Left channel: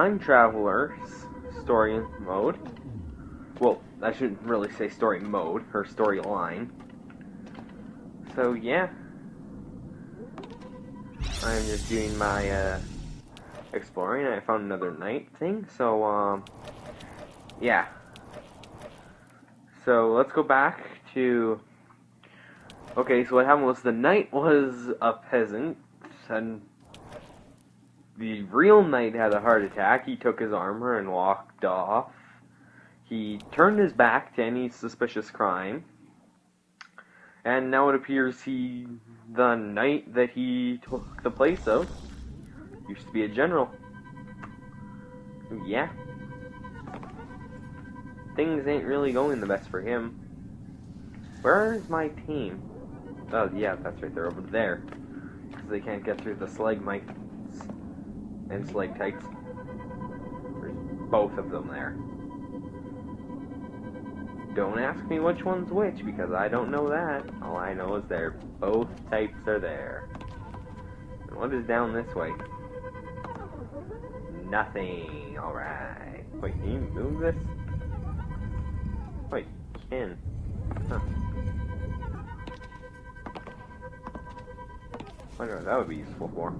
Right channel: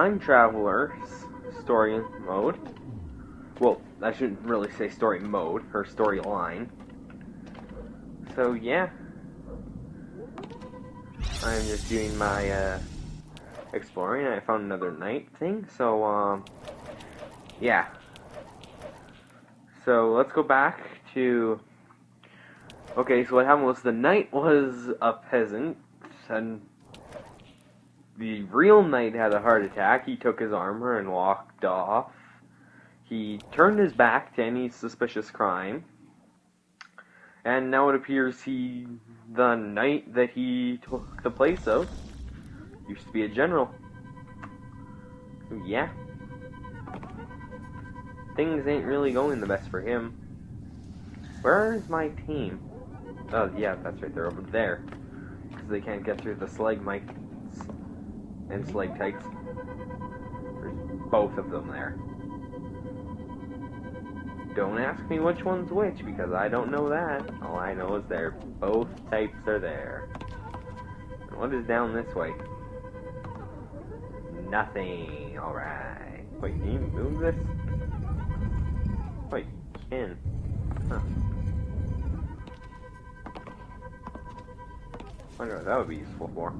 time traveler story mode. Well, I shouldn't really say story mode, her storyline. So yeah, I'm just doing my exploring. I found another night thing, so yeah. So let's go back to. Okay, so what happened was the knight was a peasant, and the real knight had a heart attack. He took his armor and walked off. He turned his back to any suspicious crime. And now it appears the knight that he took the place of, used to be a general. Yeah. Things ain't really going the best for him. Where is my team? Oh, yeah, that's right, they're over there. Because they can't get through the stalagmites and stalactites. There's both of them there. Don't ask me which one's which, because I don't know that. All I know is both types are there. And what is down this way? Nothing. Alright. Wait, can you move this? Wait, you can. Huh. I wonder what that would be useful for.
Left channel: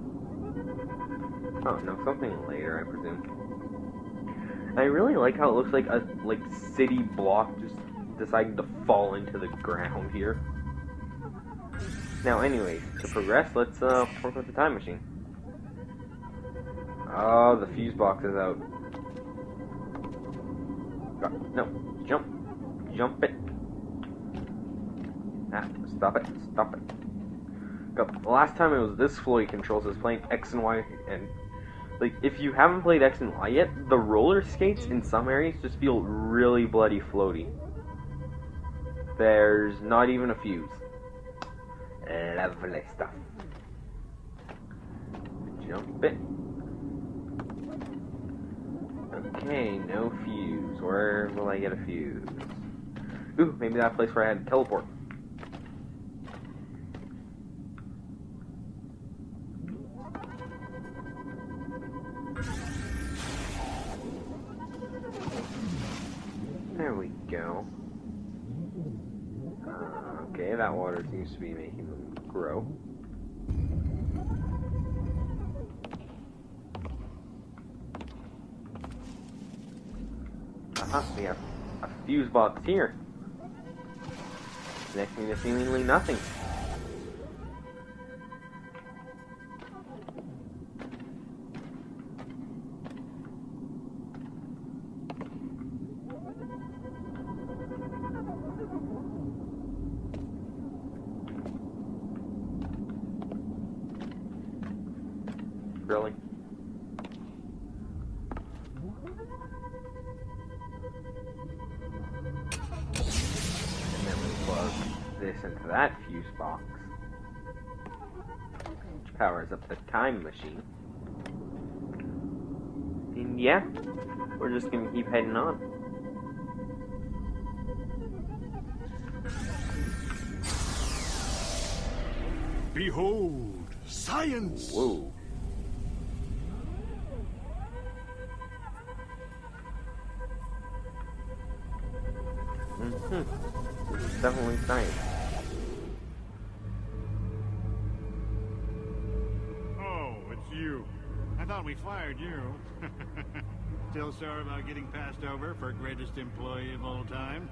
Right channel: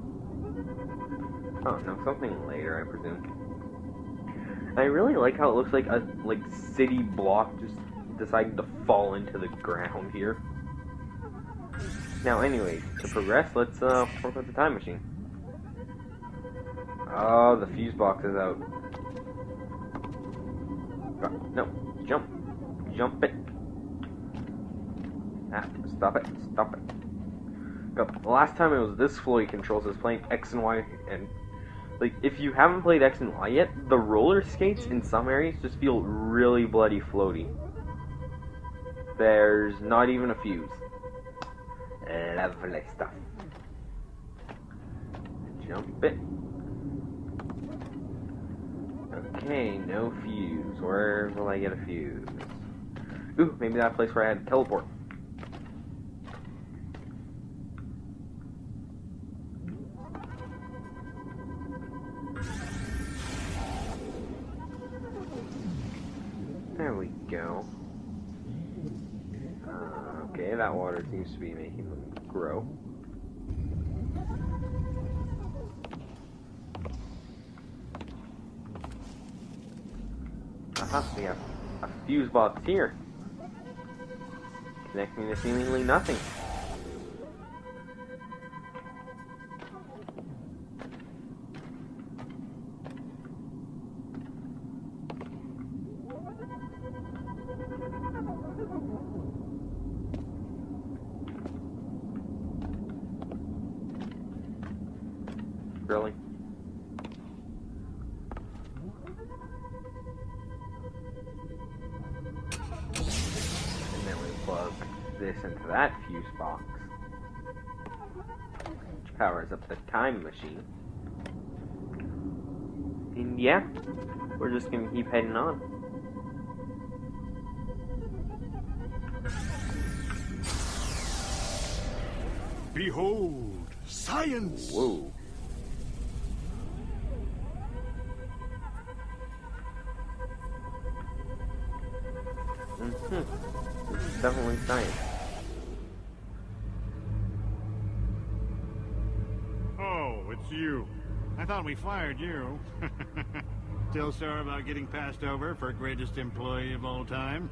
Oh, no, something later, I presume. I really like how it looks like a city block just decided to fall into the ground here. Now, anyways, to progress, let's work with the time machine. Oh, the fuse box is out. No, jump it. Ah, stop it. The last time it was this floaty controls, I was playing X and Y, and if you haven't played X and Y yet, the roller skates in some areas just feel really bloody floaty. There's not even a fuse. Lovely stuff. Jump it. Okay, no fuse. Where will I get a fuse? Ooh, maybe that place where I had to teleport. There we go. Okay, that water seems to be making them grow. Aha, we have a fuse box here. Connecting to seemingly nothing. Really? And then we plug this into that fuse box, which powers up the time machine. And yeah, we're just gonna keep heading on. Behold, science! Whoa. This is definitely science. Oh, it's you. I thought we fired you. Still sore about getting passed over for greatest employee of all time?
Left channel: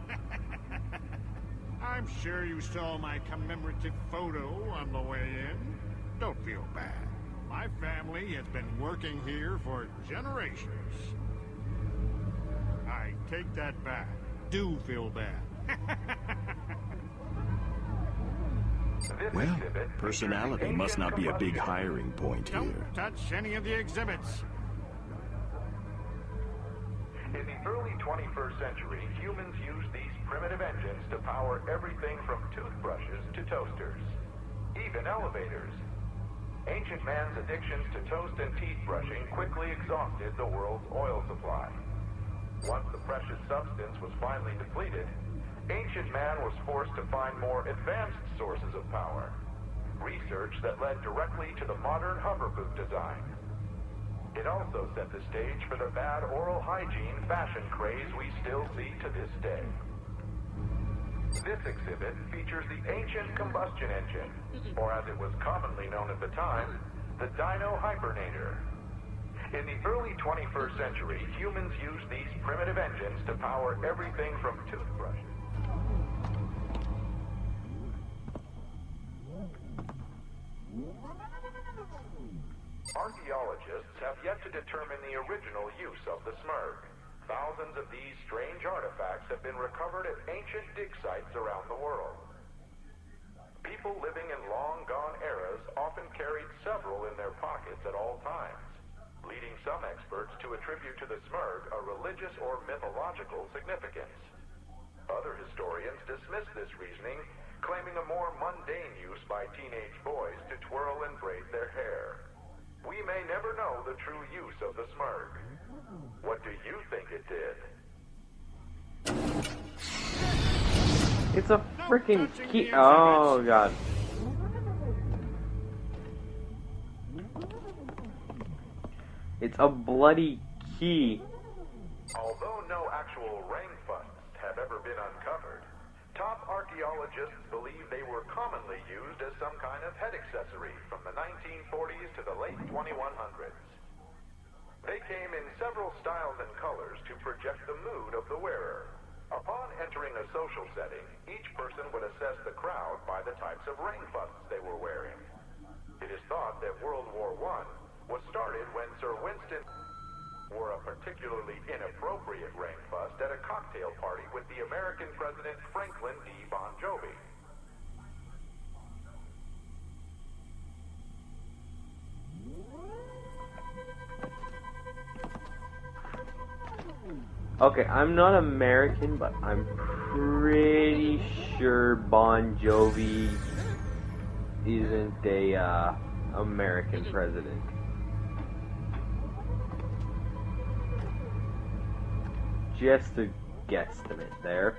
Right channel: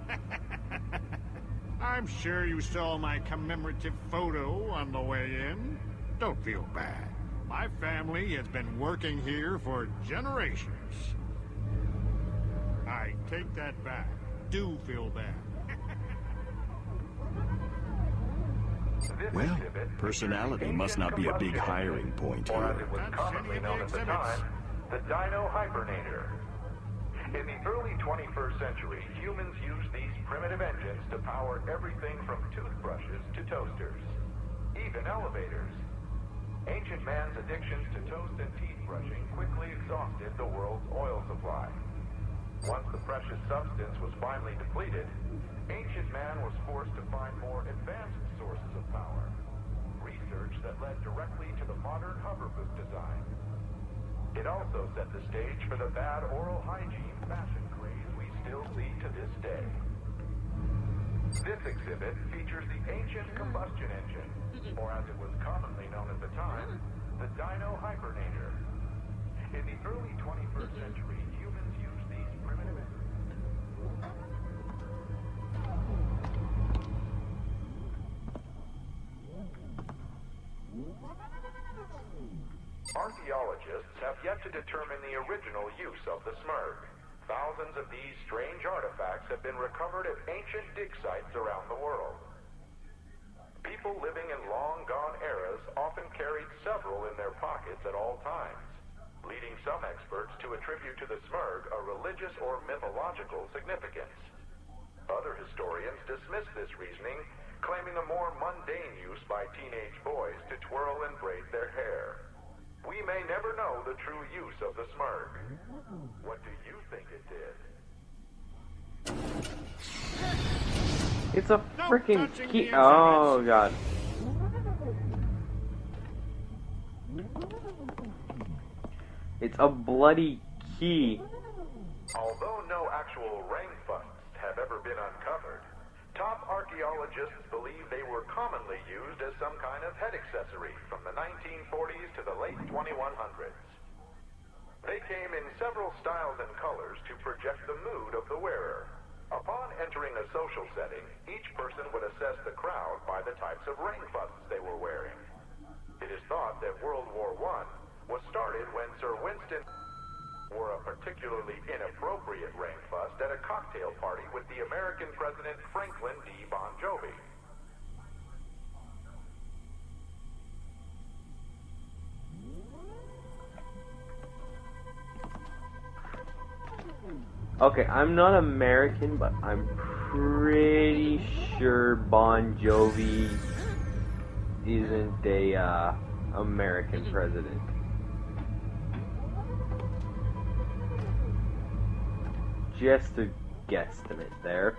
I'm sure you saw my commemorative photo on the way in. Don't feel bad. My family has been working here for generations. I take that back. Do feel bad. Well, personality must not be a big hiring point here. Touch any of the exhibits. The Dino Hibernator. In the early 21st century, humans used these primitive engines to power everything from toothbrushes to toasters, even elevators. Ancient man's addictions to toast and teeth brushing quickly exhausted the world's oil supply. Once the precious substance was finally depleted, ancient man was forced to find more advanced sources of power. Research that led directly to the modern hover boot design. It also set the stage for the bad oral hygiene fashion craze we still see to this day. This exhibit features the ancient combustion engine, or as it was commonly known at the time, the Dino Hypernator. In the early 21st century, humans used these primitive engines to power everything from toothbrushes. Archaeologists have yet to determine the original use of the Smurg. Thousands of these strange artifacts have been recovered at ancient dig sites around the world. People living in long-gone eras often carried several in their pockets at all times, leading some experts to attribute to the Smurg a religious or mythological significance. Other historians dismiss this reasoning, claiming a more mundane use by teenage boys to twirl and braid their hair. We may never know the true use of the Smurg. What do you think it did? It's a freaking key. Oh god. It's a bloody key. Although no actual Rangfusts have ever been uncovered, top archaeologists believe they were commonly used as some kind of head accessory from the 1940s to the late 2100s. They came in several styles and colors to project the mood of the wearer. Upon entering a social setting, each person would assess the crowd by the types of Rangfusts they were wearing. It is thought that World War I was started when Sir Winston wore a particularly inappropriate Rangfust at a cocktail party with the American President Franklin D. Bon Jovi. Okay, I'm not American, but I'm pretty sure Bon Jovi isn't a American president. Just a guesstimate there.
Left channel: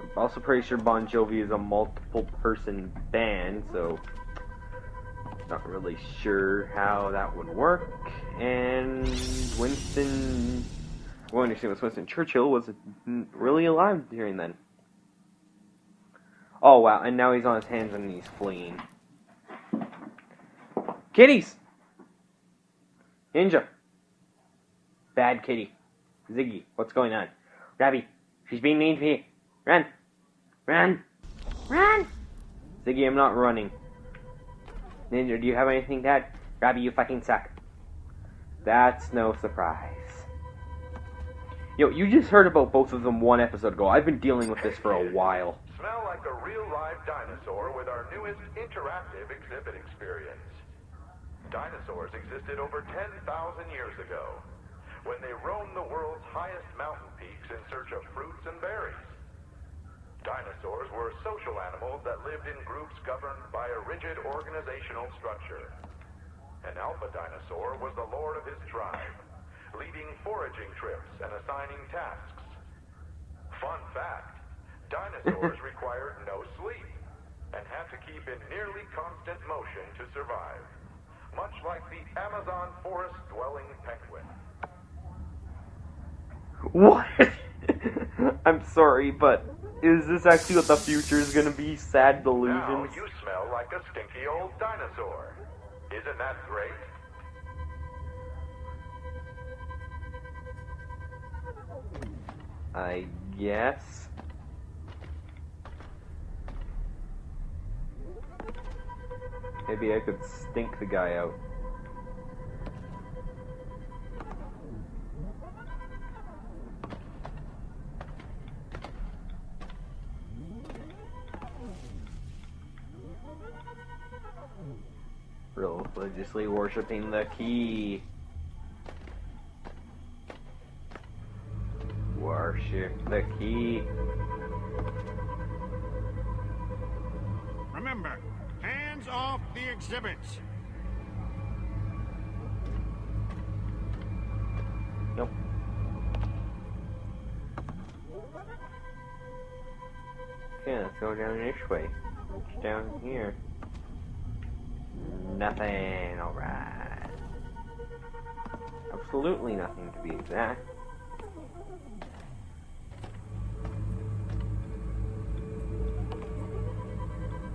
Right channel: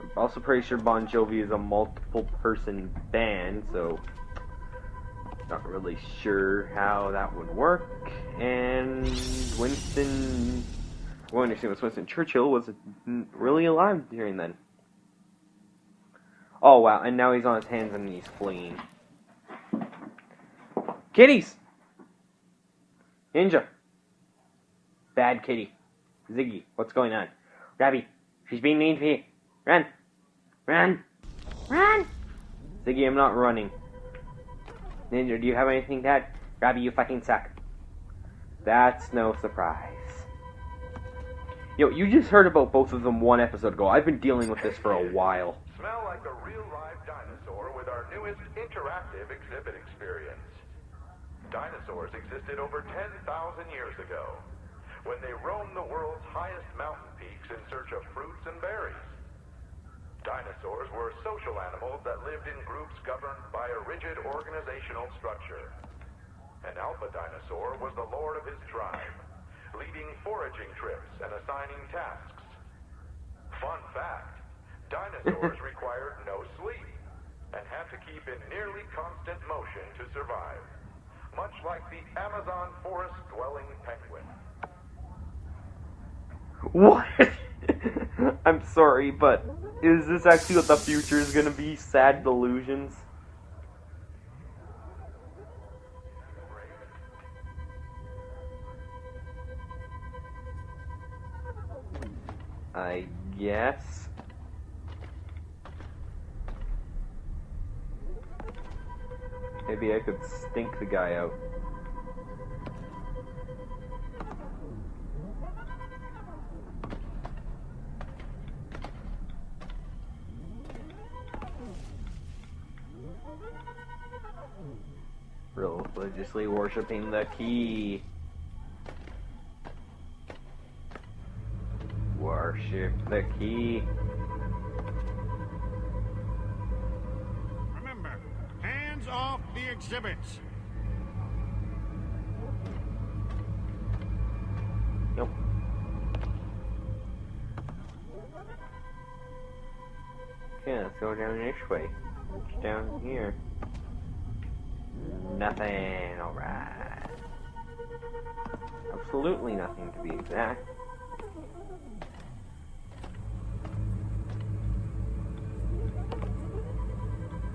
I'm also pretty sure Bon Jovi is a multiple person band, so not really sure how that would work. And Winston Churchill wasn't really alive during then. Oh wow, and now he's on his hands and knees fleeing. Kitties! Ninja! Bad kitty. Ziggy, what's going on? Rabbie, she's being mean to me. Run! Run! Run! Ziggy, I'm not running. Ninja, do you have anything to add? Rabbie, you fucking suck. That's no surprise. Yo, you just heard about both of them one episode ago. I've been dealing with this for a while. Smell like a real live dinosaur with our newest interactive exhibit experience. Dinosaurs existed over 10,000 years ago, when they roamed the world's highest mountain peaks in search of fruits and berries. Dinosaurs were social animals that lived in groups governed by a rigid organizational structure. An alpha dinosaur was the lord of his tribe, leading foraging trips and assigning tasks. Fun fact, dinosaurs required no sleep and had to keep in nearly constant motion to survive, much like the Amazon forest-dwelling penguin. What? I'm sorry, but is this actually what the future is gonna be? Sad delusions? Now you smell like a stinky old dinosaur. Isn't that great? I guess. Maybe I could stink the guy out. Religiously worshipping the key. Worship the key. Remember, hands off the exhibits. Nope. Okay, let's go down this way. What's down here? Nothing. Alright. Absolutely nothing, to be exact.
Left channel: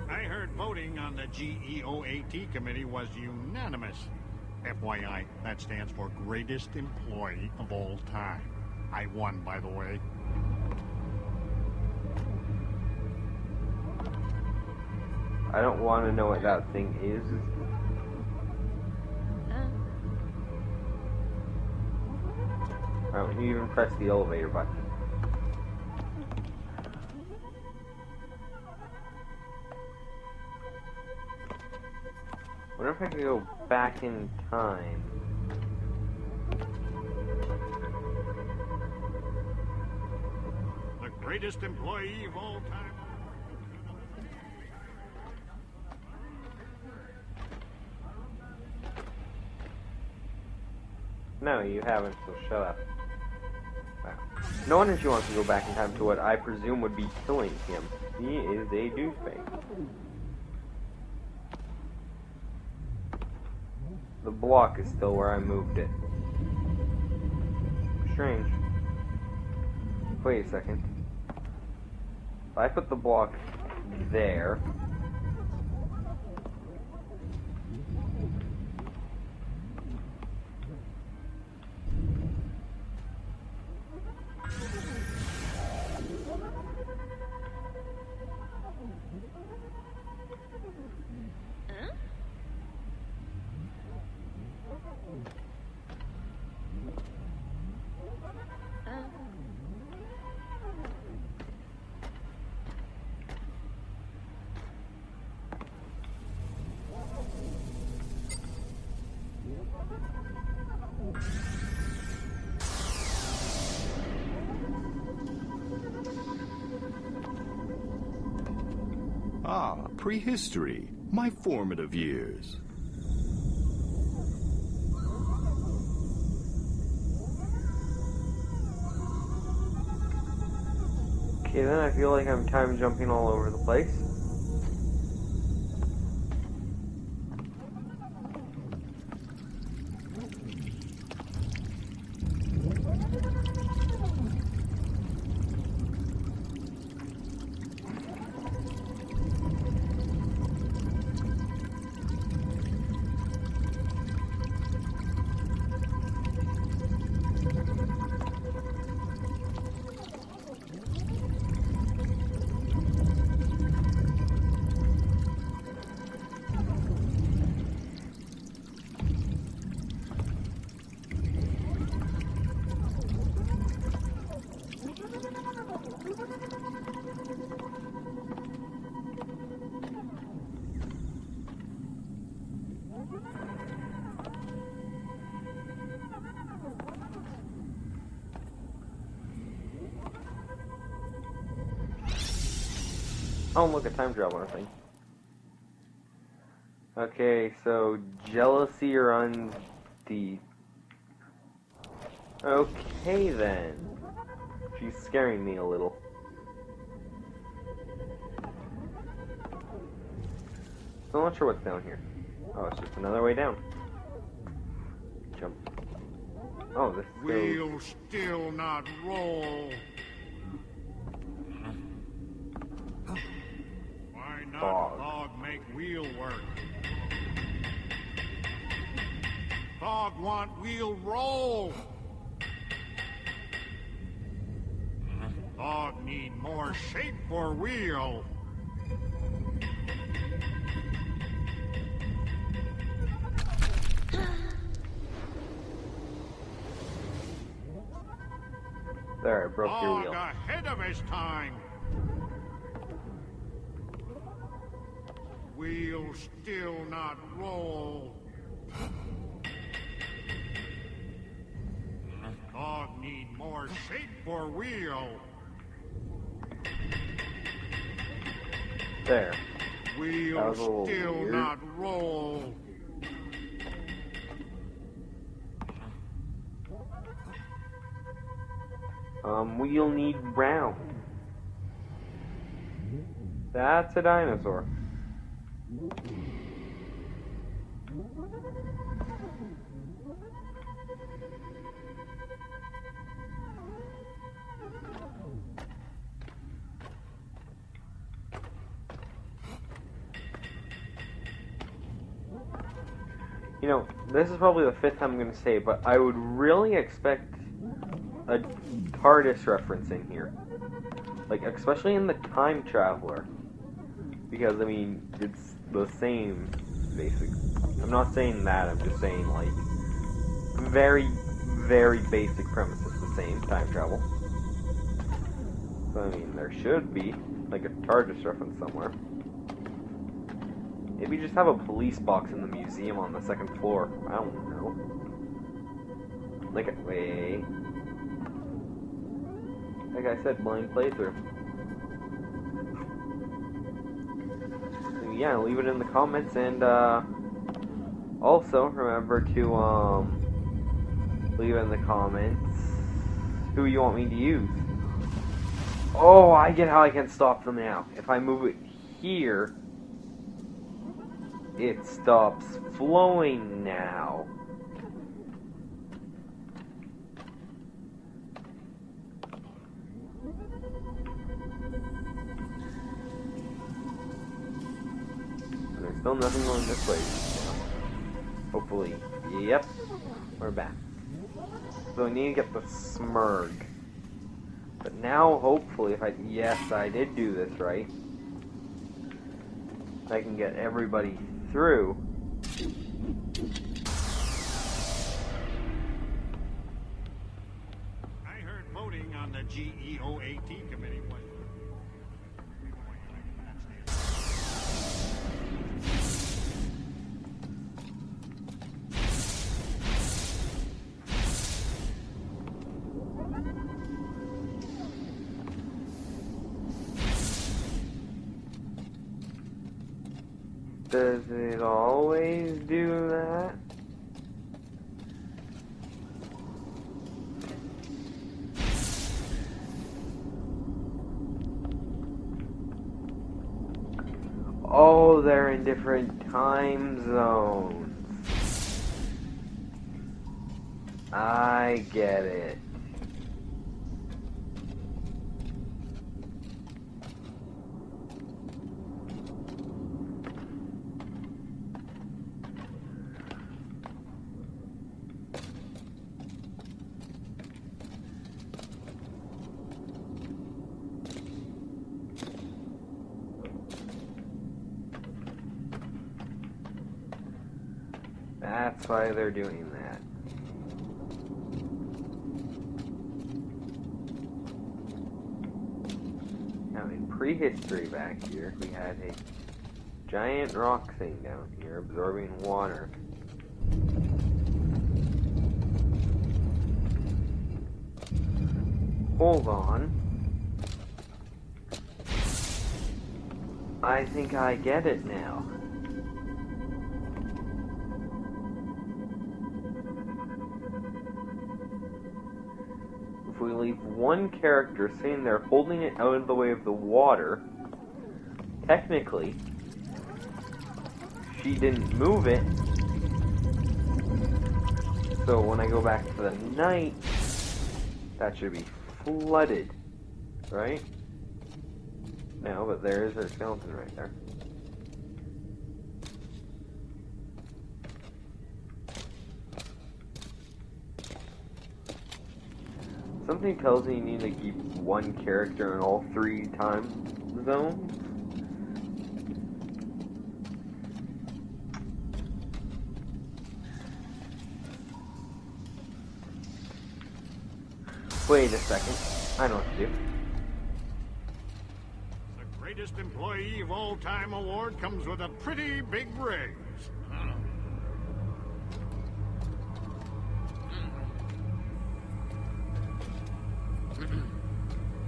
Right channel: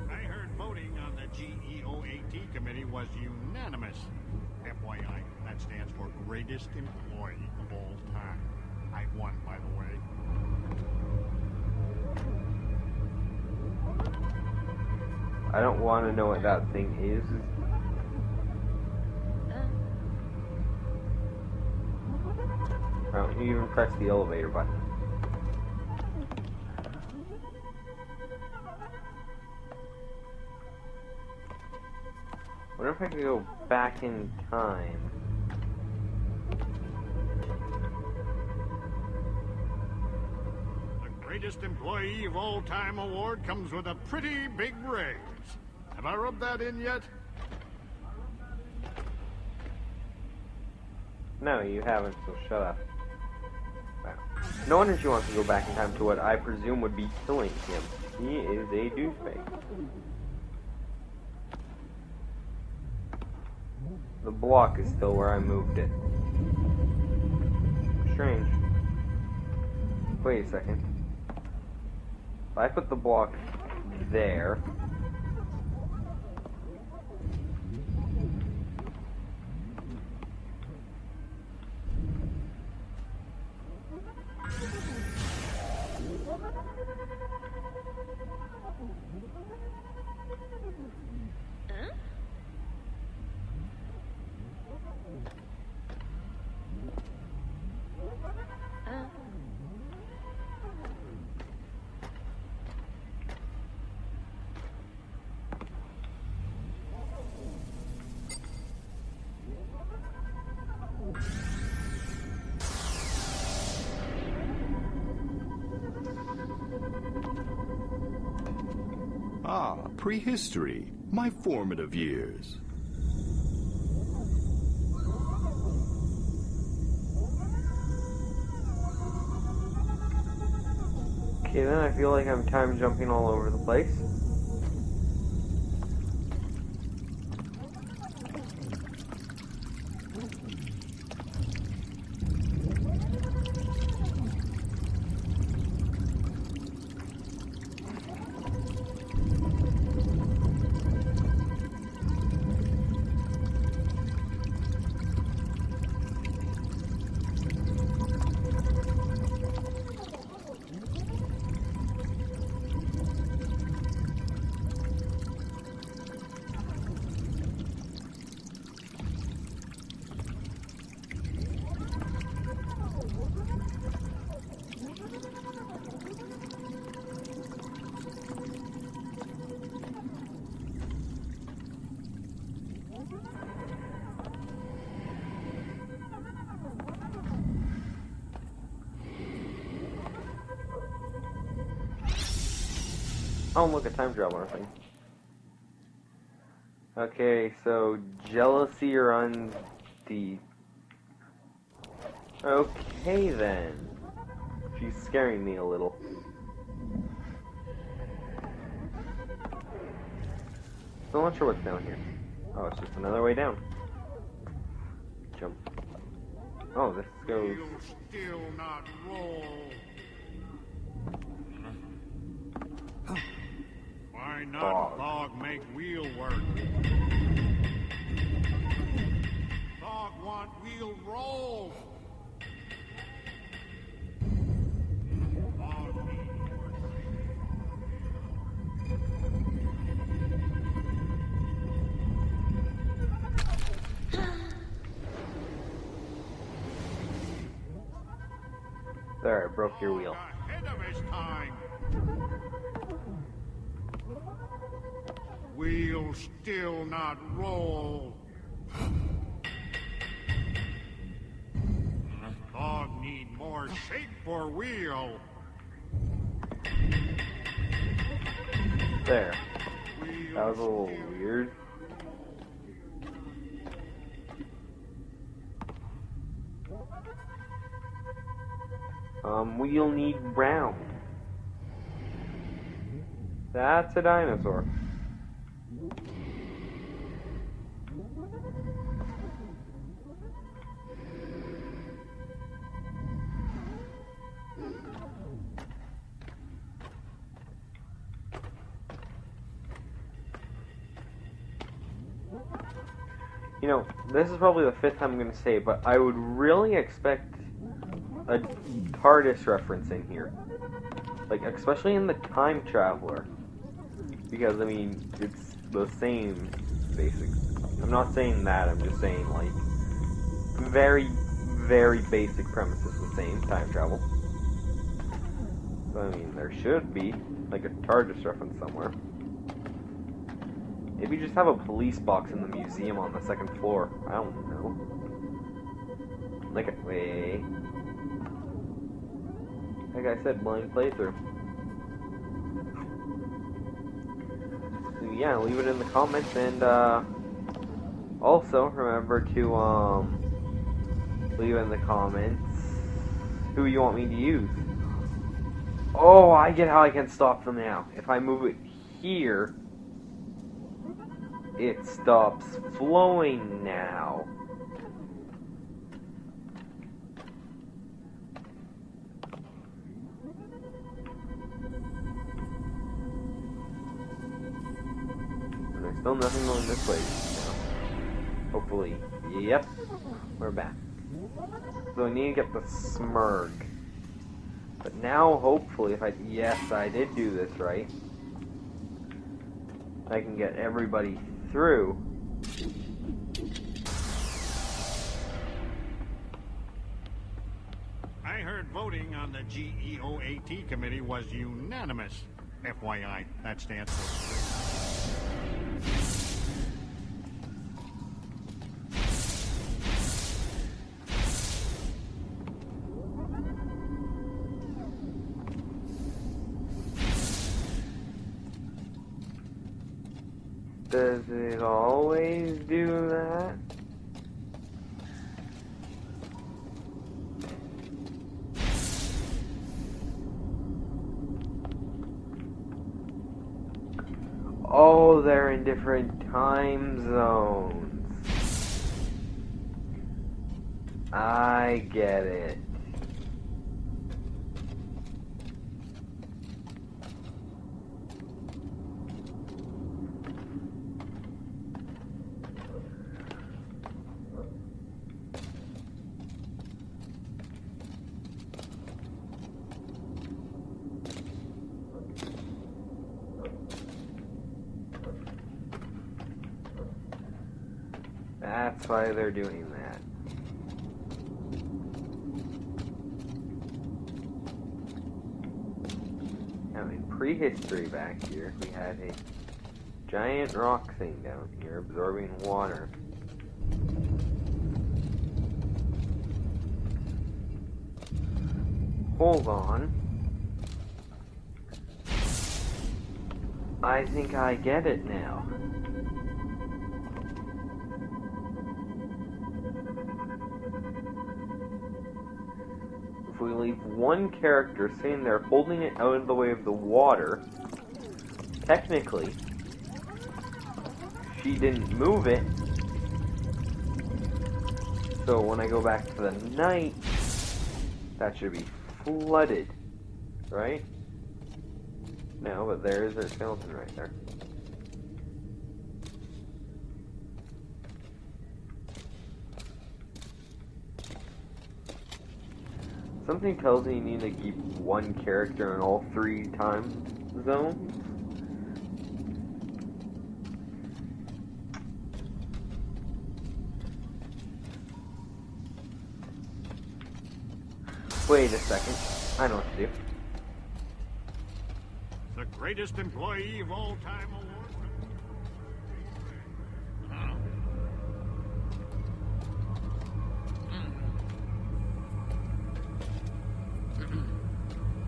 I heard voting on the GEOAT committee was unanimous. FYI, that stands for Greatest Employee of All Time. I won, by the way. I don't want to know what that thing is. Why don't you even press the elevator button? What if I could go back in time? The Greatest Employee of All Time award comes with a pretty big raise. Have I rubbed that in yet? No, you haven't, so shut up. Wow. No wonder she wants to go back in time to what I presume would be killing him. He is a douchebag. The block is still where I moved it. Strange. Wait a second. If I put the block there... Ah, prehistory. My formative years. Okay, then I feel like I'm time jumping all over the place. Oh, look, a time traveler thing. Okay, so jealousy runs deep. Okay, then. She's scaring me a little. Still not sure what's down here. Oh, it's just another way down. Jump. Oh, this goes... We'll still not roll. Why not Thog make wheel work? Thog want wheel roll. Thog need more shape for wheel. There, I broke your wheel. Thog ahead of his time. Wheel still not roll. Thog need more shape for wheel. There. Wheel That was a little still weird. not roll. Wheel need round. That's a dinosaur. You know, this is probably the 5th time I'm going to say it, but I would really expect a TARDIS reference in here. Like, especially in the Time Traveler. Because, I mean, it's the same, basic. I'm not saying that, I'm just saying, like, very, very basic premise is the same, time travel. So, I mean, there should be, like, a TARDIS reference somewhere. Maybe just have a police box in the museum on the 2nd floor. I don't know. Like, wait. Like I said, blind playthrough. So yeah, leave it in the comments, and also remember to leave in the comments who you want me to use. Oh, I get how I can stop them now. If I move it here, it stops flowing now. And there's still nothing going this way now. Hopefully. Yep. We're back. So we need to get the Smurg. But now, hopefully, if I... Yes, I did do this right. I can get everybody through. I heard voting on the GEOAT committee was unanimous. FYI, that stands for... Does it always do that? Oh, they're in different time zones. I get it. That's why they're doing that. Now, in prehistory back here, we had a giant rock thing down here absorbing water. Hold on. I think I get it now. If we leave one character sitting there holding it out of the way of the water, technically, she didn't move it. So when I go back to the night, that should be flooded, right? No, but there's her skeleton right there. Something tells me you need to keep one character in all 3 time zones. Wait a second. I know what to do. The Greatest Employee of All Time award comes with a pretty big raise. Huh?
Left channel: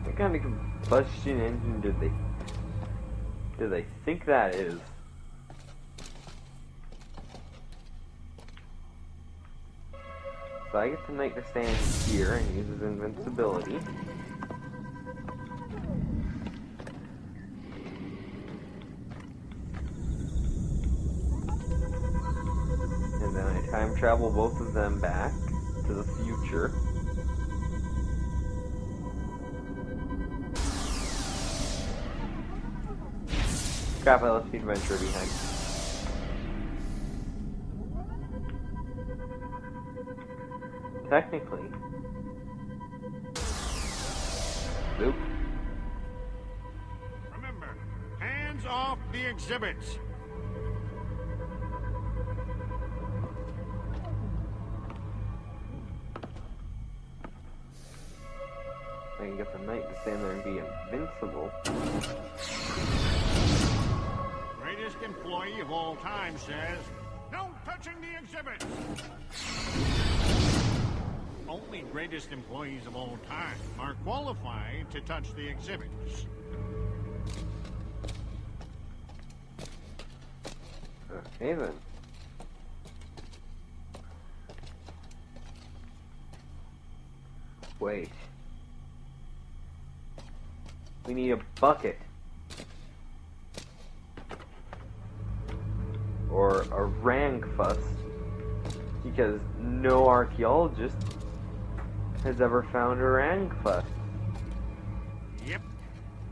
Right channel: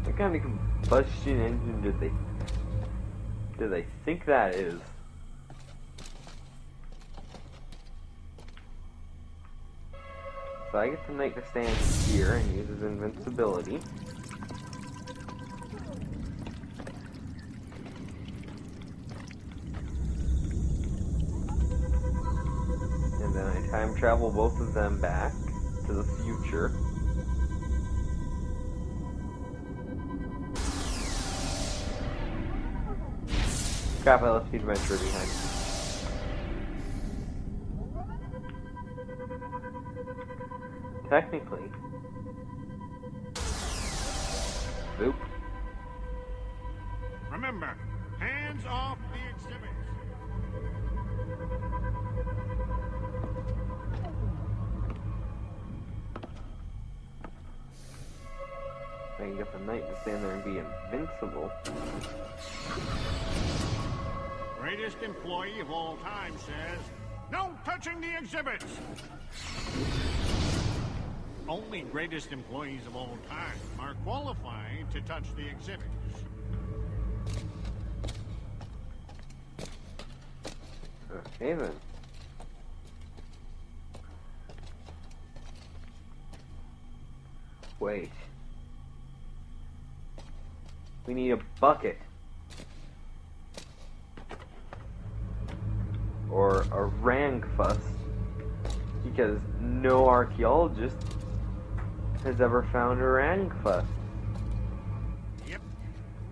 What kind of combustion engine do they think that is? So I get the Knight to stand here and use his invincibility. And then I time travel both of them back to the future. Crap, I left the adventurer behind. Technically. Boop. Remember, hands off the exhibits. I can get the knight to stand there and be invincible. Greatest employee of all time says, no touching the exhibits. Only greatest employees of all time are qualified to touch the exhibits. Okay then. Wait. We need a bucket. Or a Rangfuss. Because no archaeologist has ever found a Rangfuss. Yep.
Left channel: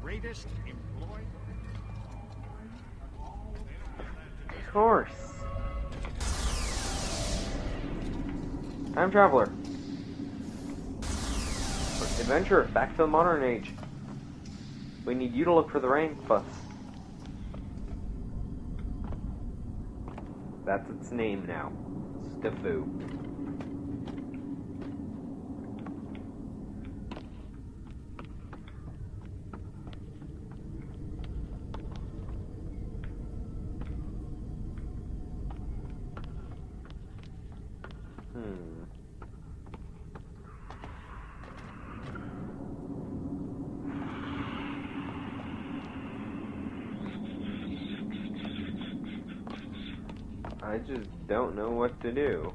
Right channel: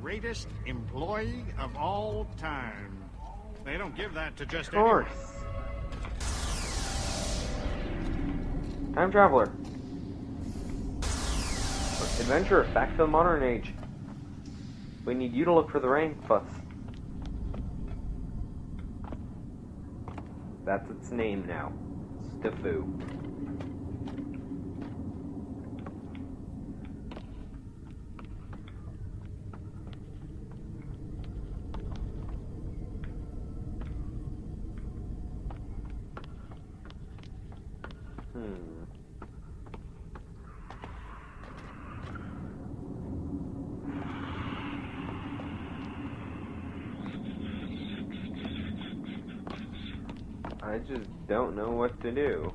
Greatest employee of all time. They don't give that to just Of course. Time traveler. Adventure, back to the modern age. We need you to look for the Rangfuss. That's its name now. Stifu. I just don't know what to do.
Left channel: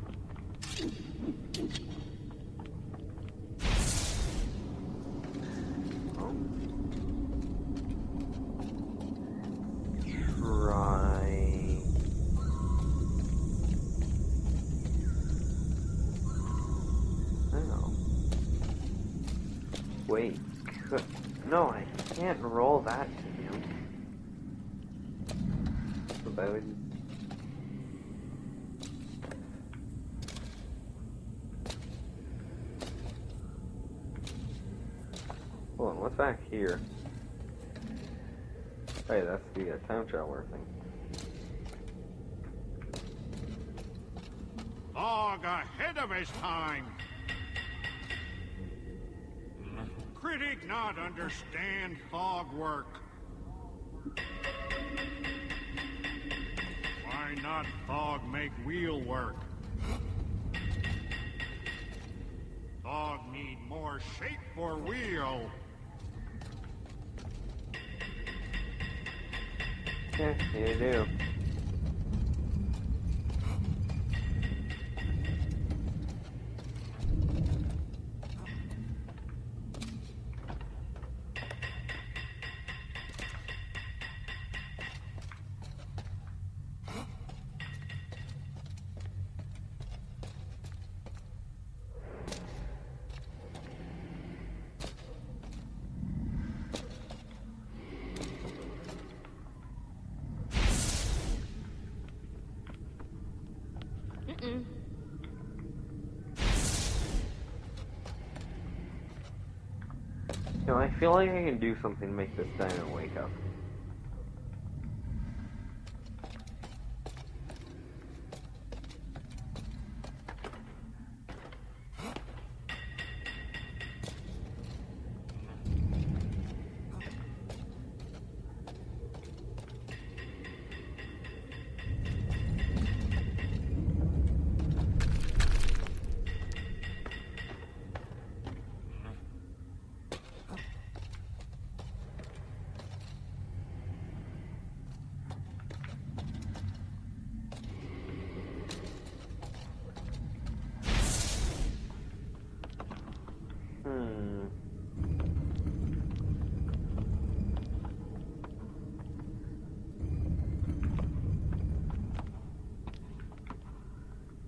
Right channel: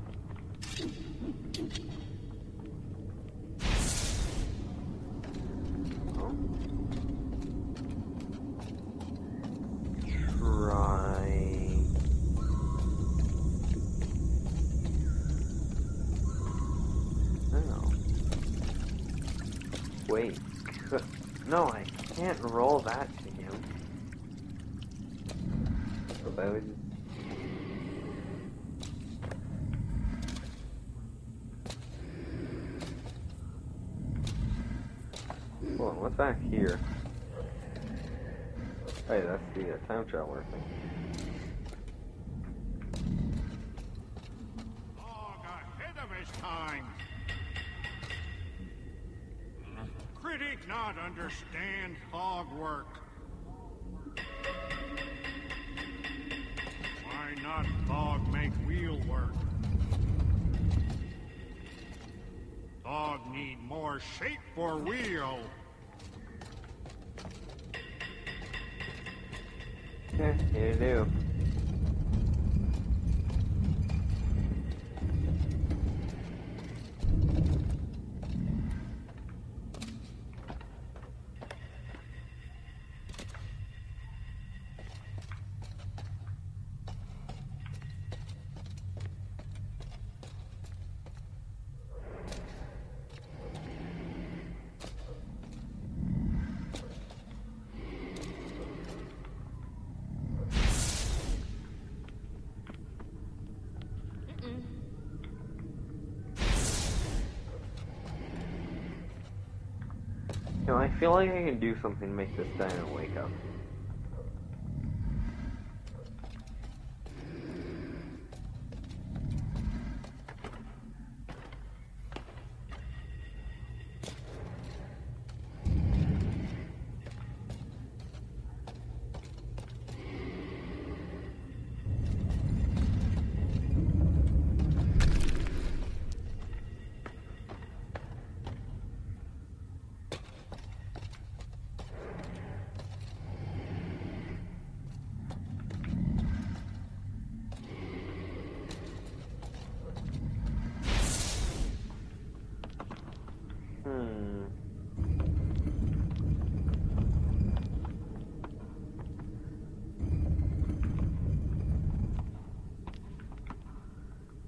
Oh. Try. No. Wait. No, I can't roll that to him. So that would just... Hold on, what's back here? Hey, that's the time traveler thing. Thog ahead of his time. Critic not understand Thog work. Why not Thog make wheel work? Thog need more shape for wheel. Yeah, you do. No, I feel like I can do something to make this dino wake up.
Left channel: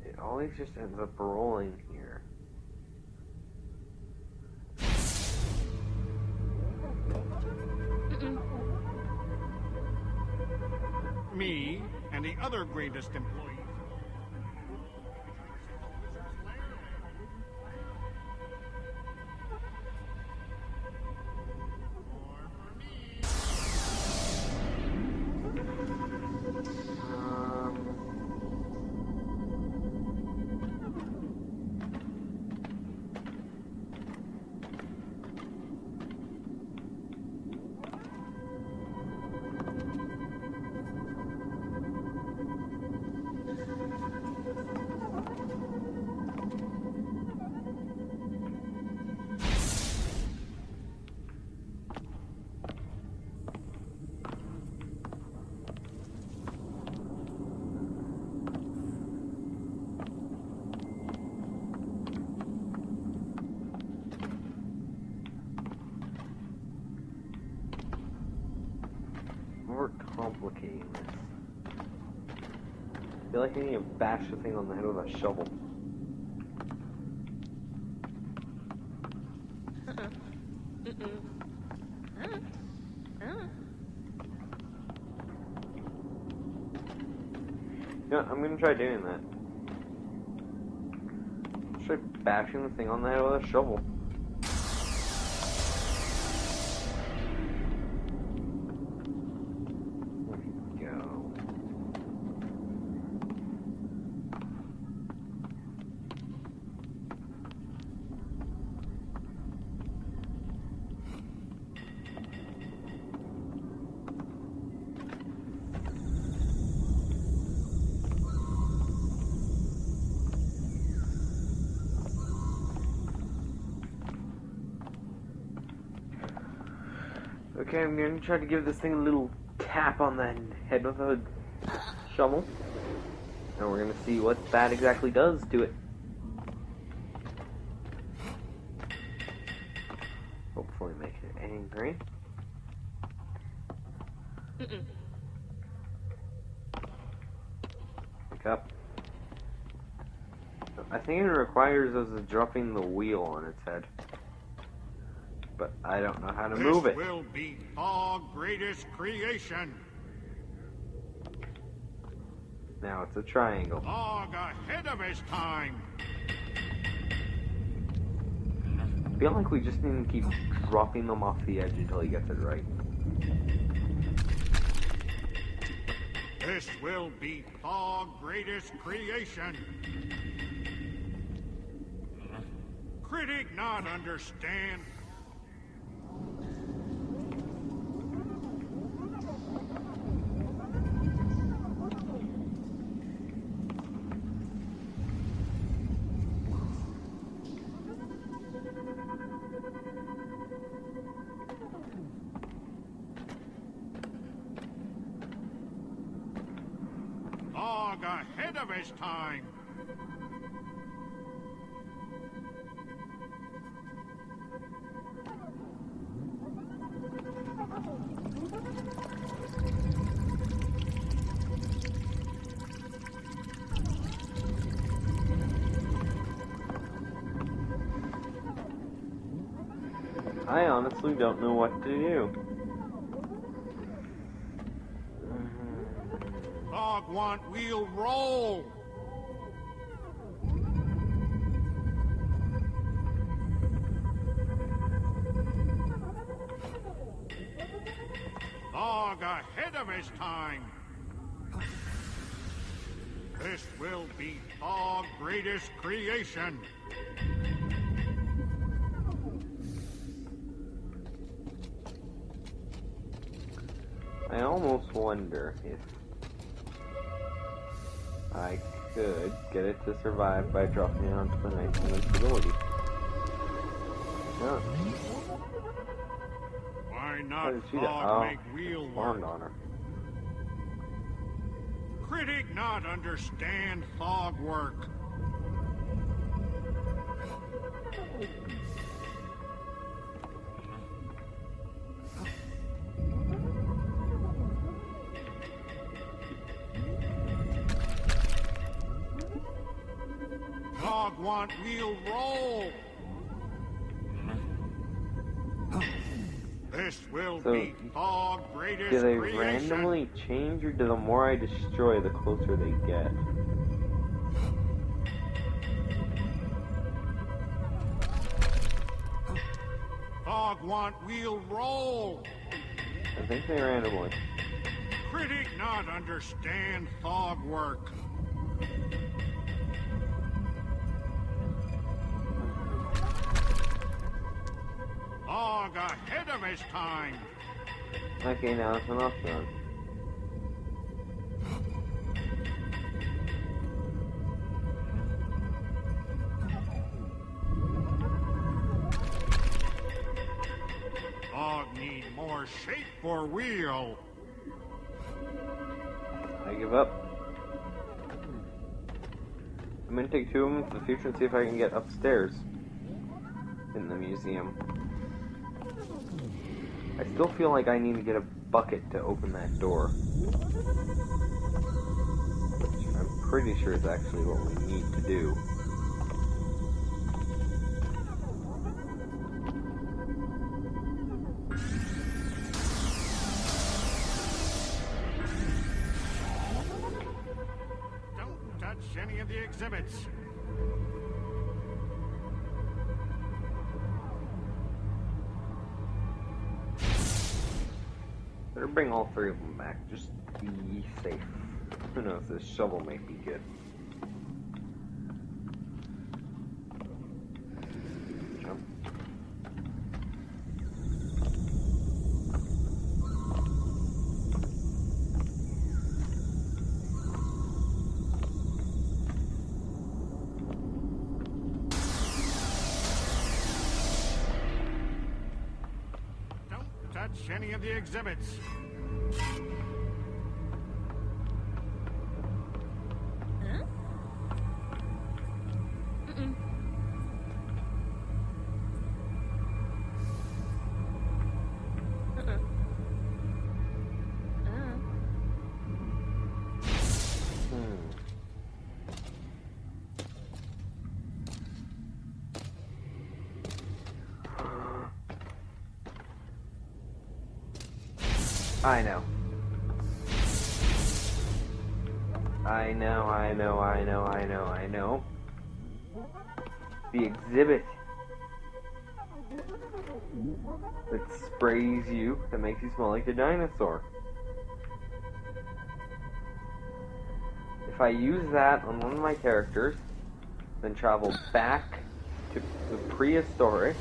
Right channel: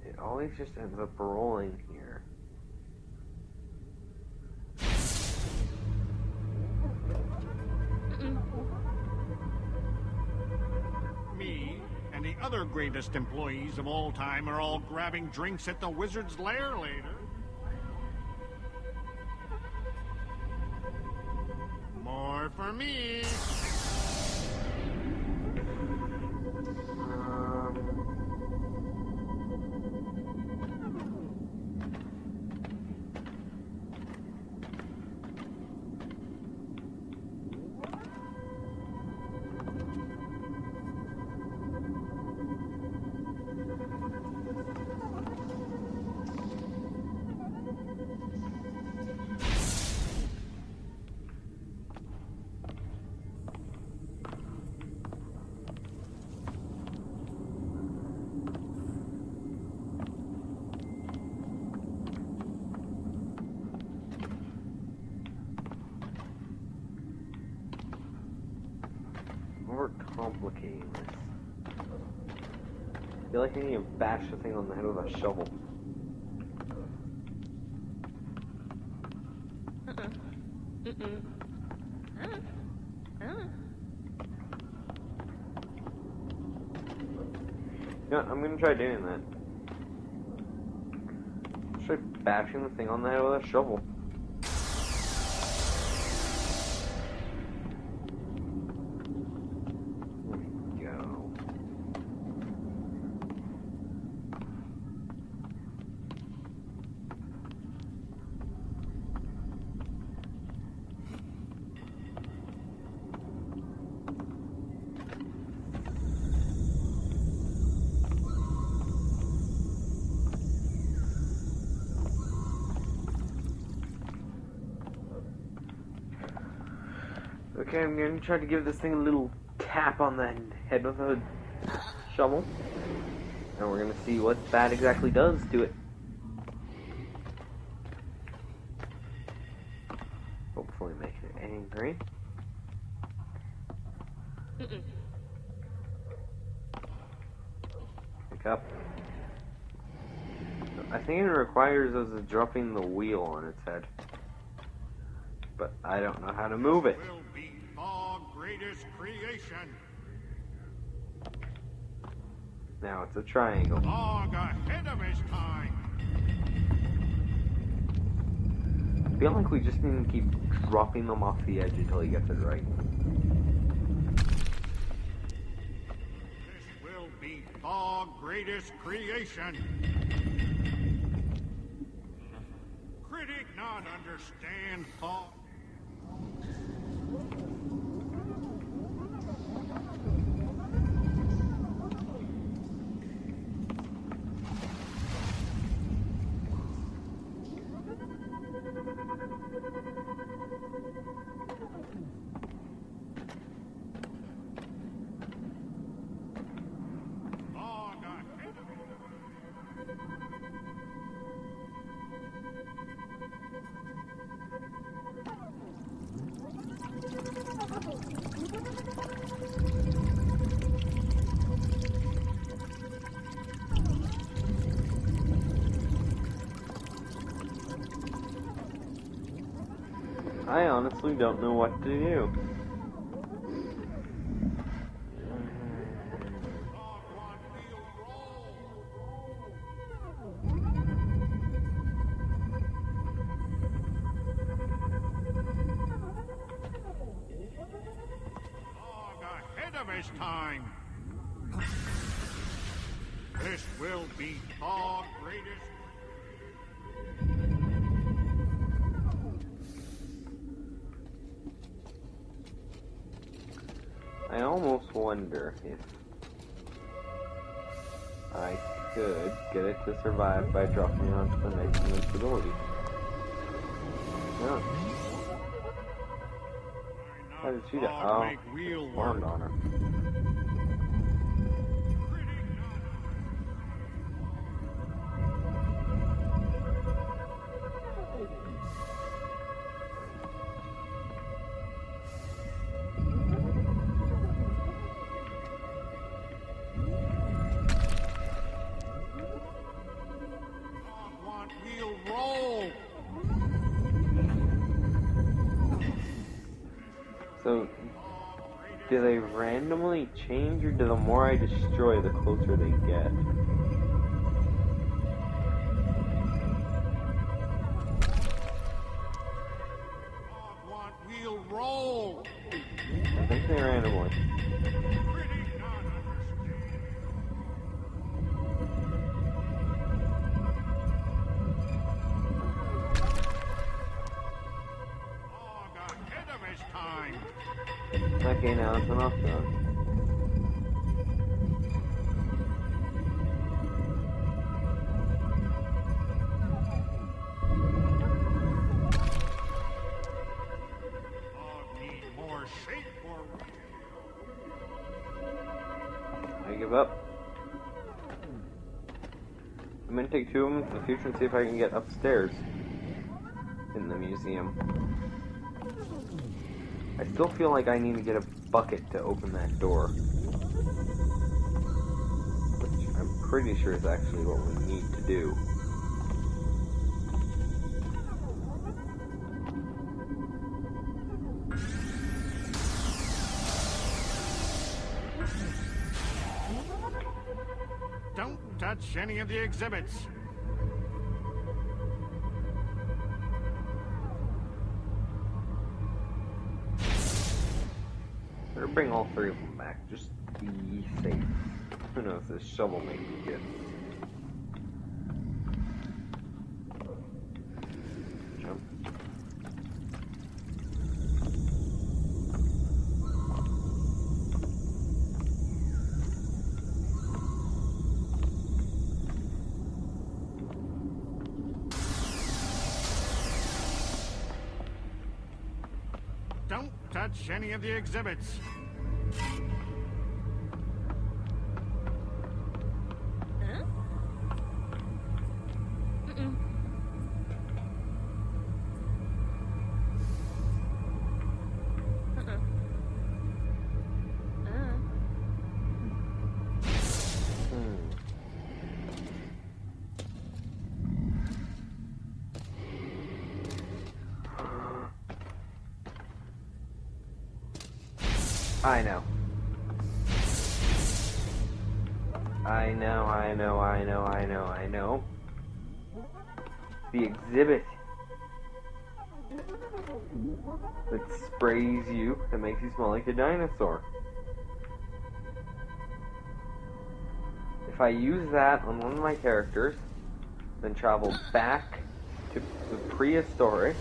It always just ends up rolling here. Me and the other greatest employees of all time are all grabbing drinks at the Wizard's Lair later. me. More complicating this. I feel like I need to bash the thing on the head with a shovel. You know what, I'm gonna try doing that. Try bashing the thing on the head with a shovel. There we go. Okay, I'm gonna try to give this thing a little tap on the head with a shovel. And we're gonna see what that exactly does to it. Hopefully make it angry. Pick up. I think it requires us dropping the wheel on its head. But I don't know how to move it. This will be our greatest creation. Now it's a triangle. Log ahead of his time. I feel like we just need to keep dropping them off the edge until he gets it right. This will be our greatest creation. Critic not understand thought. Log ahead of his time. I honestly don't know what to do. Log want wheel roll. Log ahead of his time. This will be our greatest creation. I almost wonder if I could get it to survive by dropping it onto the Knight's Invincibility. No. Why How not did she do? Log make wheel Spawned work? on her. Critic not understand log work. Log want wheel roll. This will So, be log greatest do they creation. randomly change, or do the more I destroy, the closer they get? Log want, we'll roll. I think they randomly. Critic not understand thought work. Log ahead of his time. Okay, now it's enough then. Log need more shape for wheel. I give up. I'm gonna take 2 of them to the future and see if I can get upstairs in the museum. I still feel like I need to get a bucket to open that door. Which I'm pretty sure is actually what we need to do. Don't touch any of the exhibits. Better bring all 3 of them back. Just be safe. Who knows, this shovel may be good. Jump. Don't touch any of the exhibits. Huh? Mm-mm. Uh-uh. I know. I know. The exhibit that sprays you, that makes you smell like a dinosaur. If I use that on one of my characters, then travel back to the prehistoric,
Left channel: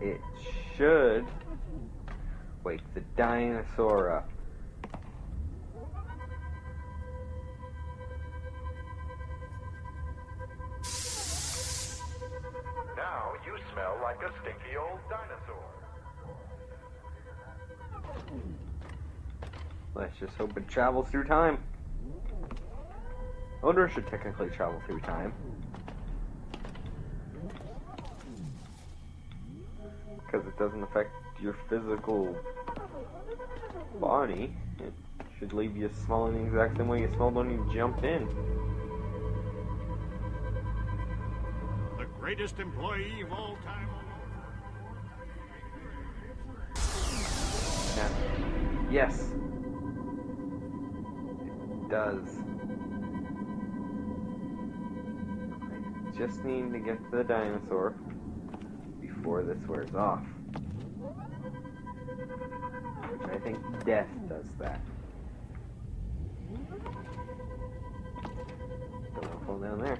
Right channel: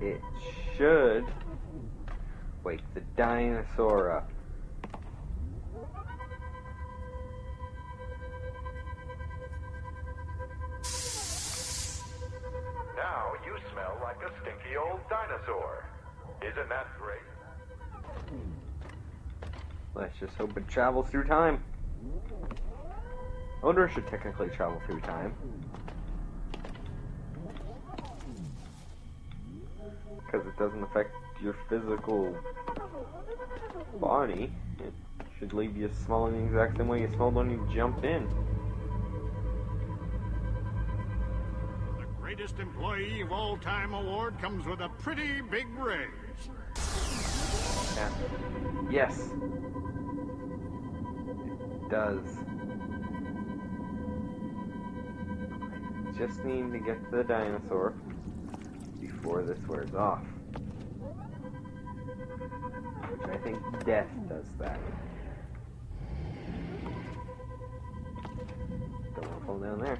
it should wake the dinosaur up. Now you smell like a stinky old dinosaur. Isn't that great? Let's just hope it travels through time. Odor should technically travel through time. Because it doesn't affect your physical body. It should leave you smelling the exact same way you smelled when you jumped in. The greatest employee of all time award comes with a pretty big raise. Yeah. Yes. It does. I just need to get to the dinosaur before this wears off. Which I think death does that. Don't want to fall down there.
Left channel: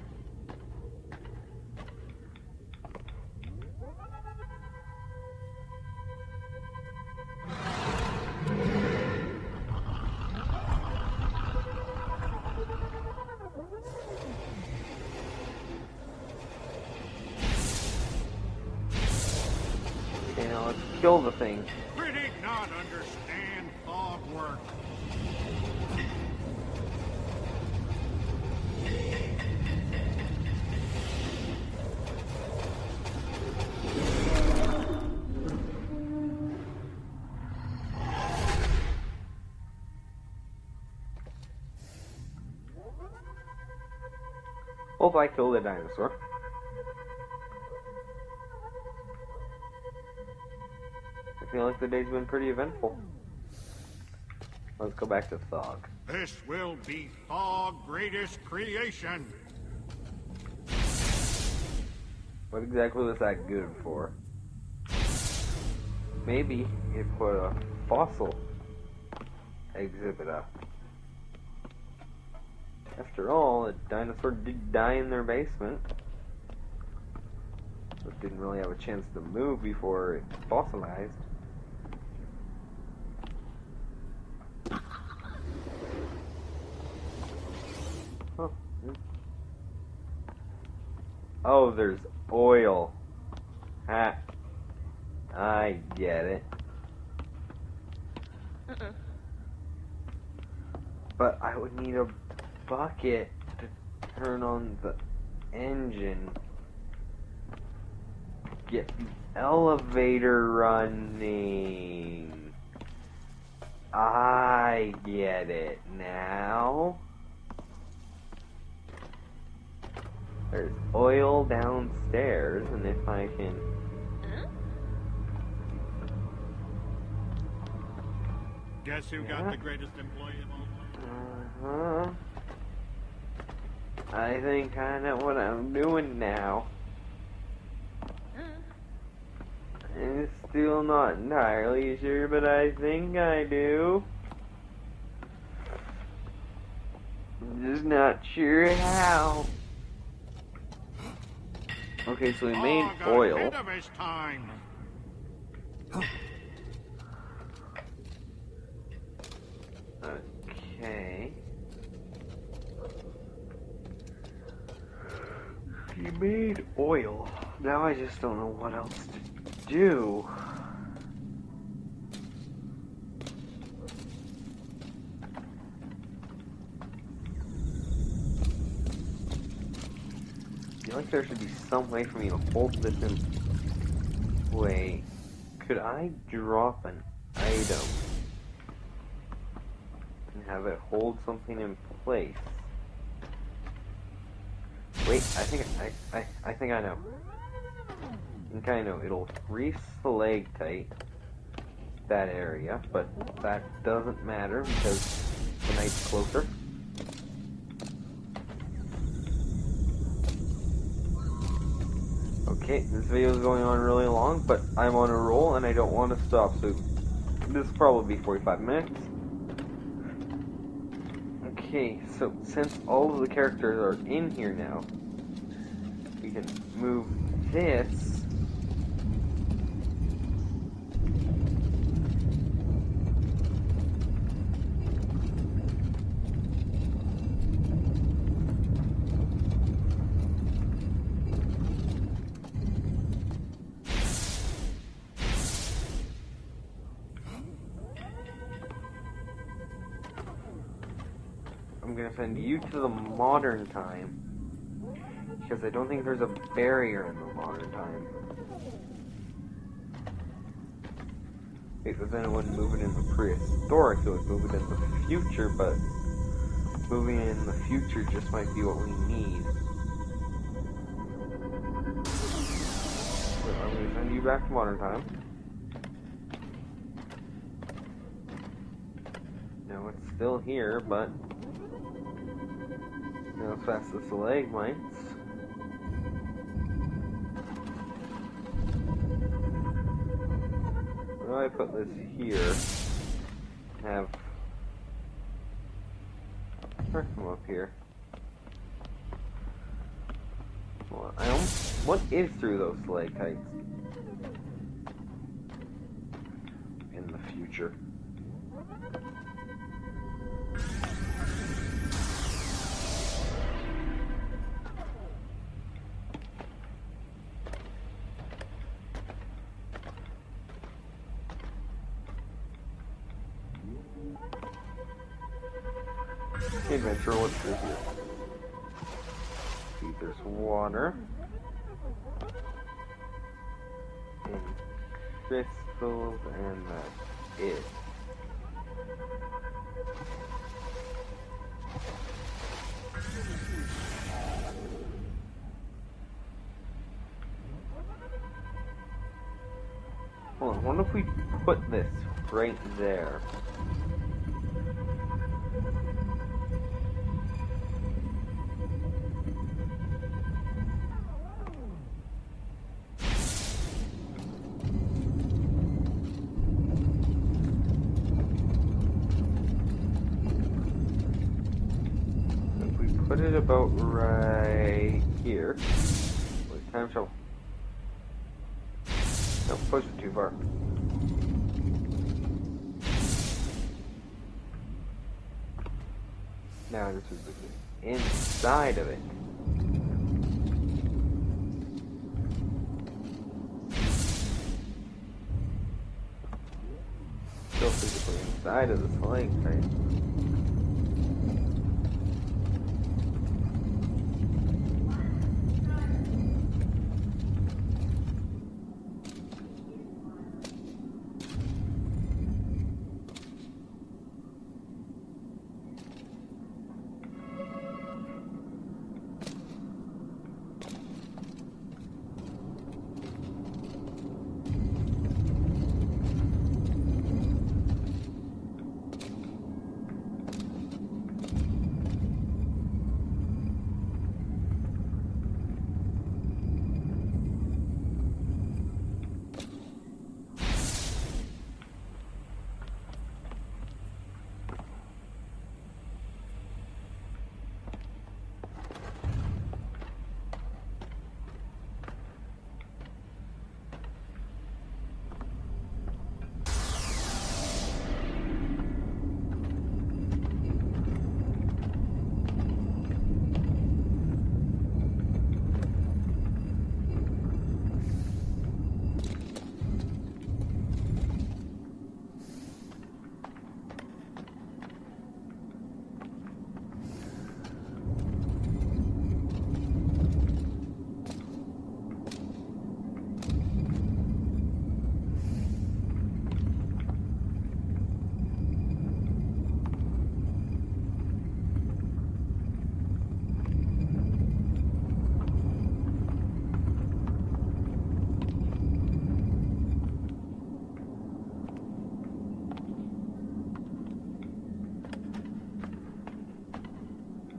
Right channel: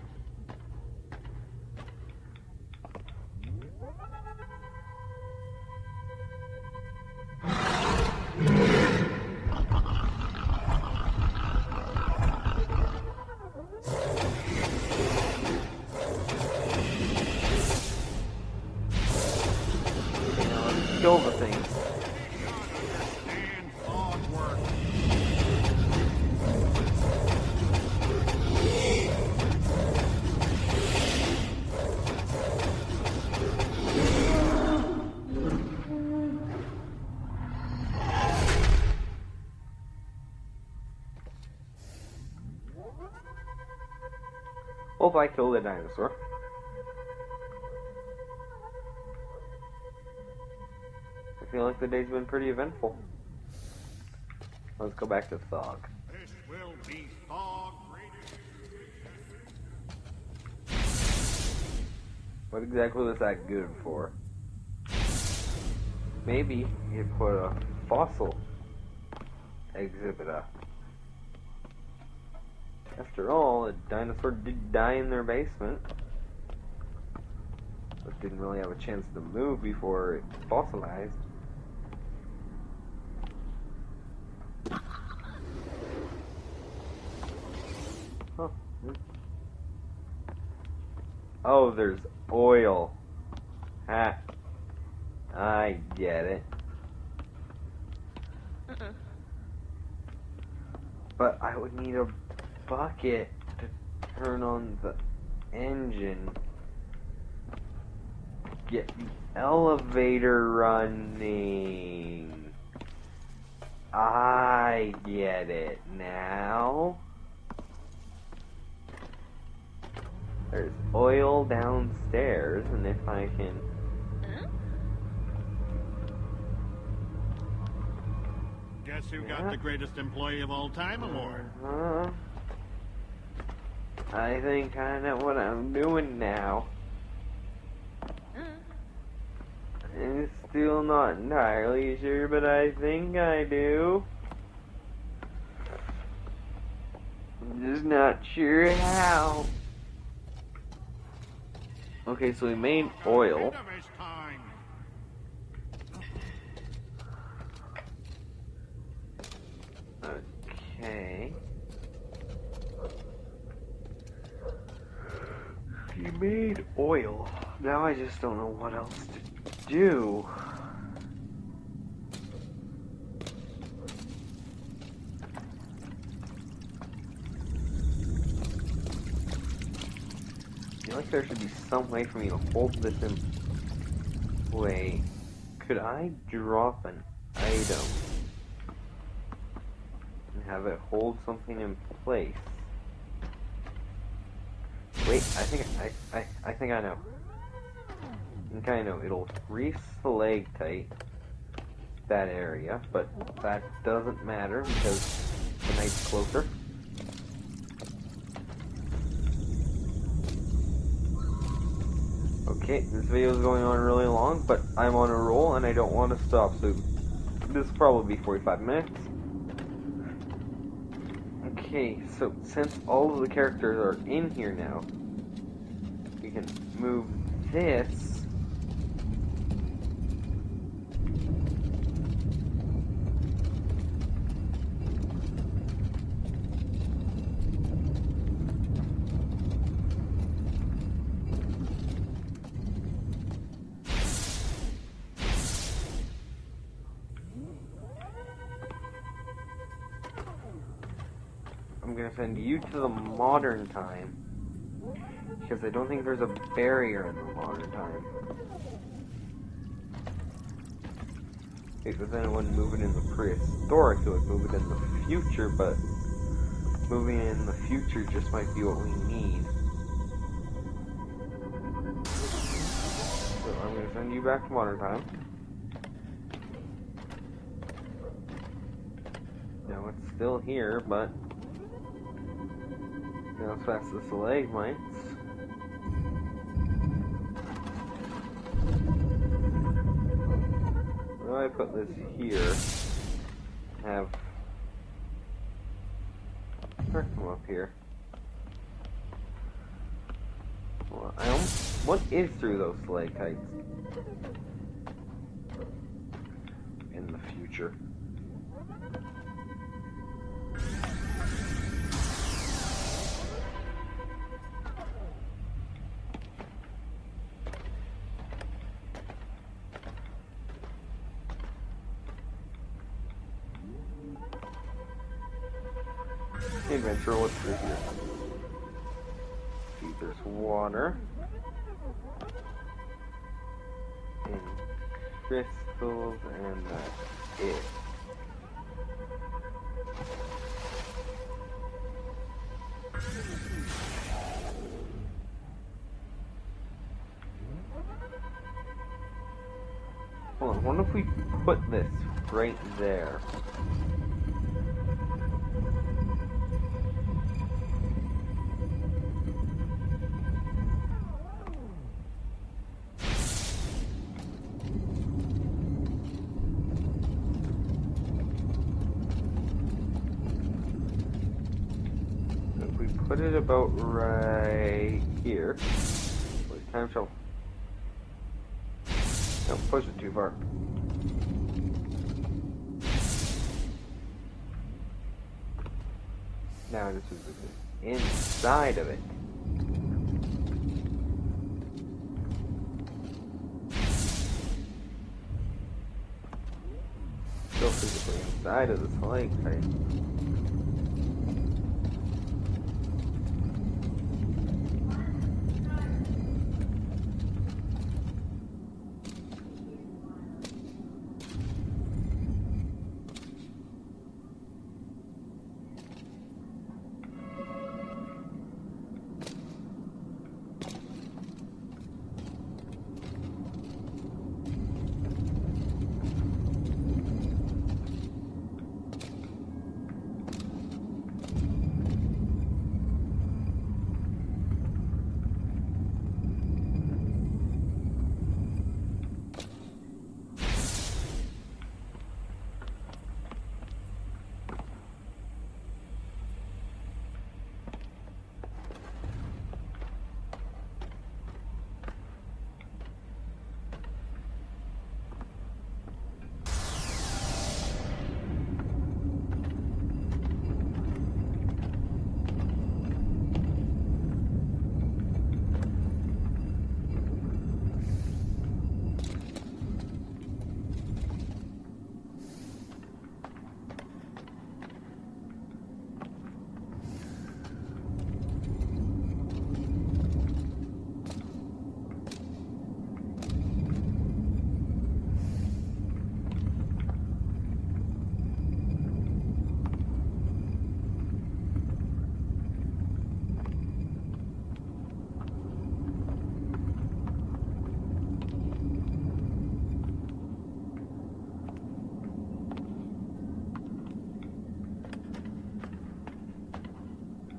Okay, now let's kill the thing. Critic not understand thought work. Hope I kill the dinosaur. I feel like the day's been pretty eventful. Let's go back to Thog. This will be Thog's greatest creation. What exactly was that good for? Maybe he put a fossil exhibit up. After all, a dinosaur did die in their basement. But didn't really have a chance to move before it fossilized. Huh. Oh, there's oil. Ha. I get it. But I would need a bucket to turn on the engine. Get the elevator running. I get it now. There's oil downstairs, and if I can... Guess who got the greatest employee of all time award? I think I know what I'm doing now. I'm still not entirely sure, but I think I do. I'm just not sure how. Okay, so we made oil. Ahead of his time. Okay. You made oil. Now I just don't know what else to do. I feel like there should be some way for me to hold this in. Wait. Could I drop an item and have it hold something in place? Wait, I think I know. I think I know. It'll re-stalactite that area, but that doesn't matter because the night's closer. Okay, this video is going on really long, but I'm on a roll and I don't want to stop, so this will probably be 45 minutes. Okay, so since all of the characters are in here now, we can move this. I'm gonna send you to the modern time, because I don't think there's a barrier in the modern time. Wait, but then it wouldn't move it in the prehistoric, it would move it in the future, but moving it in the future just might be what we need. So I'm gonna send you back to modern time. No, it's still here, but now it's past the stalagmites. Where do I put this here? Have her come up here. Well, what is through those stalactites? In the future. Adventure, what's through here? See, there's water. And crystals, and that's it. Hold on, what if we put this right there? we put it about right here. Wait, time travel. Don't push it too far. Now this is the inside of it. Still physically inside of the flying kite.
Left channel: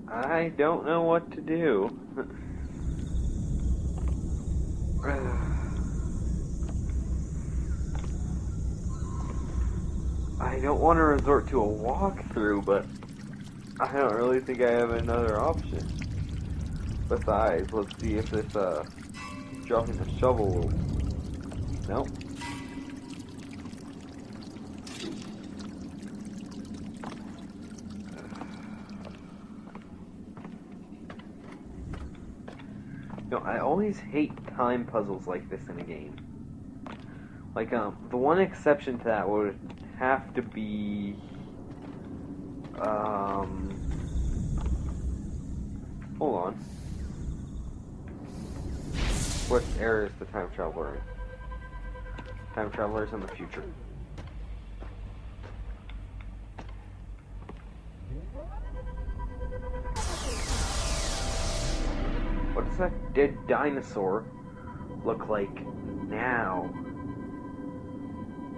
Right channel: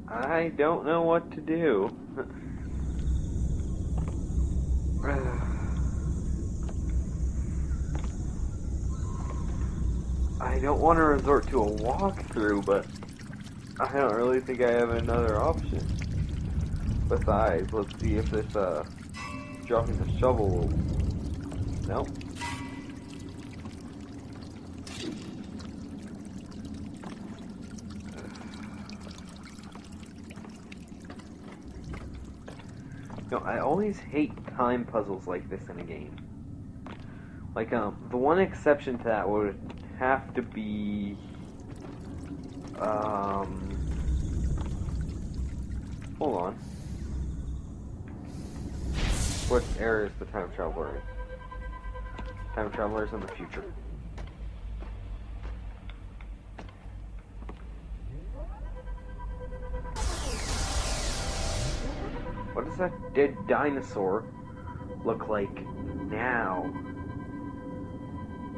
I don't know what to do. I don't want to resort to a walkthrough, but I don't really think I have another option. Besides, let's see if this, dropping the shovel will... Nope. No, I always hate time puzzles like this in a game. Like, the one exception to that would have to be, hold on. What era is the time traveler in? Time traveler's in the future. What does that dead dinosaur look like now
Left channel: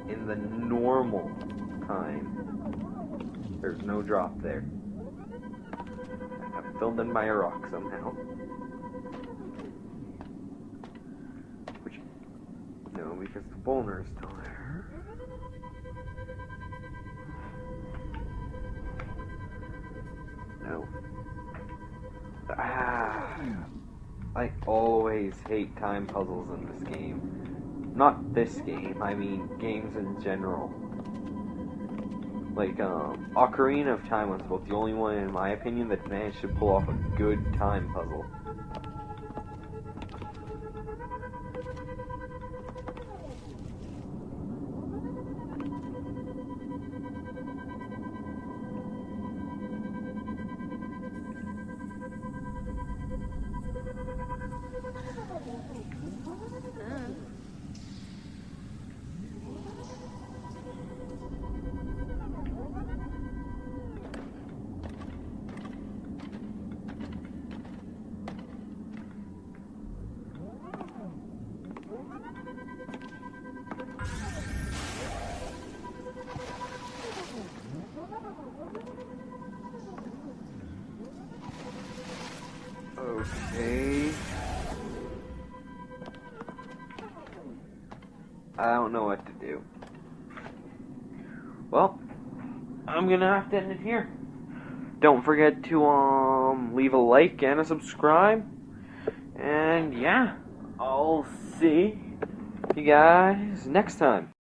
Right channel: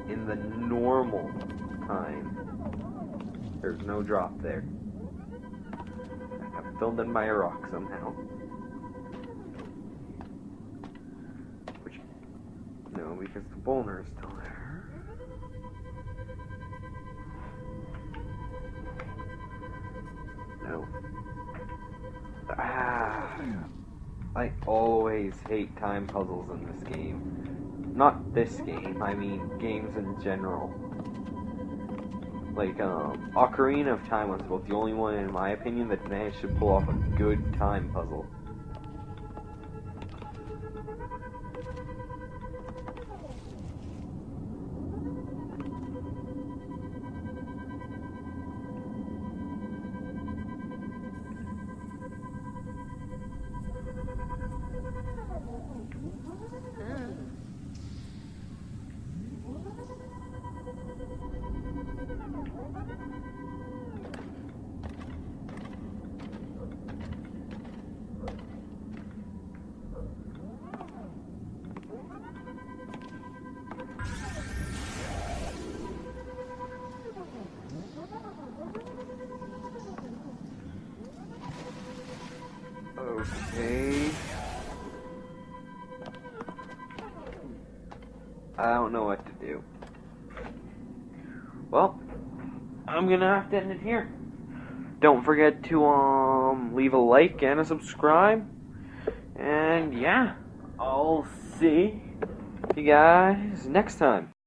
in the normal time? There's no drop there. I'm filled in by a rock somehow. Which, no, because the boulder is still there. No. I always hate time puzzles in this game. Not this game, I mean games in general. Like, Ocarina of Time was about the only one, in my opinion, that managed to pull off a good time puzzle. Okay. I don't know what to do. Well, I'm gonna have to end it here. Don't forget to, leave a like and a subscribe. And yeah, I'll see you guys next time.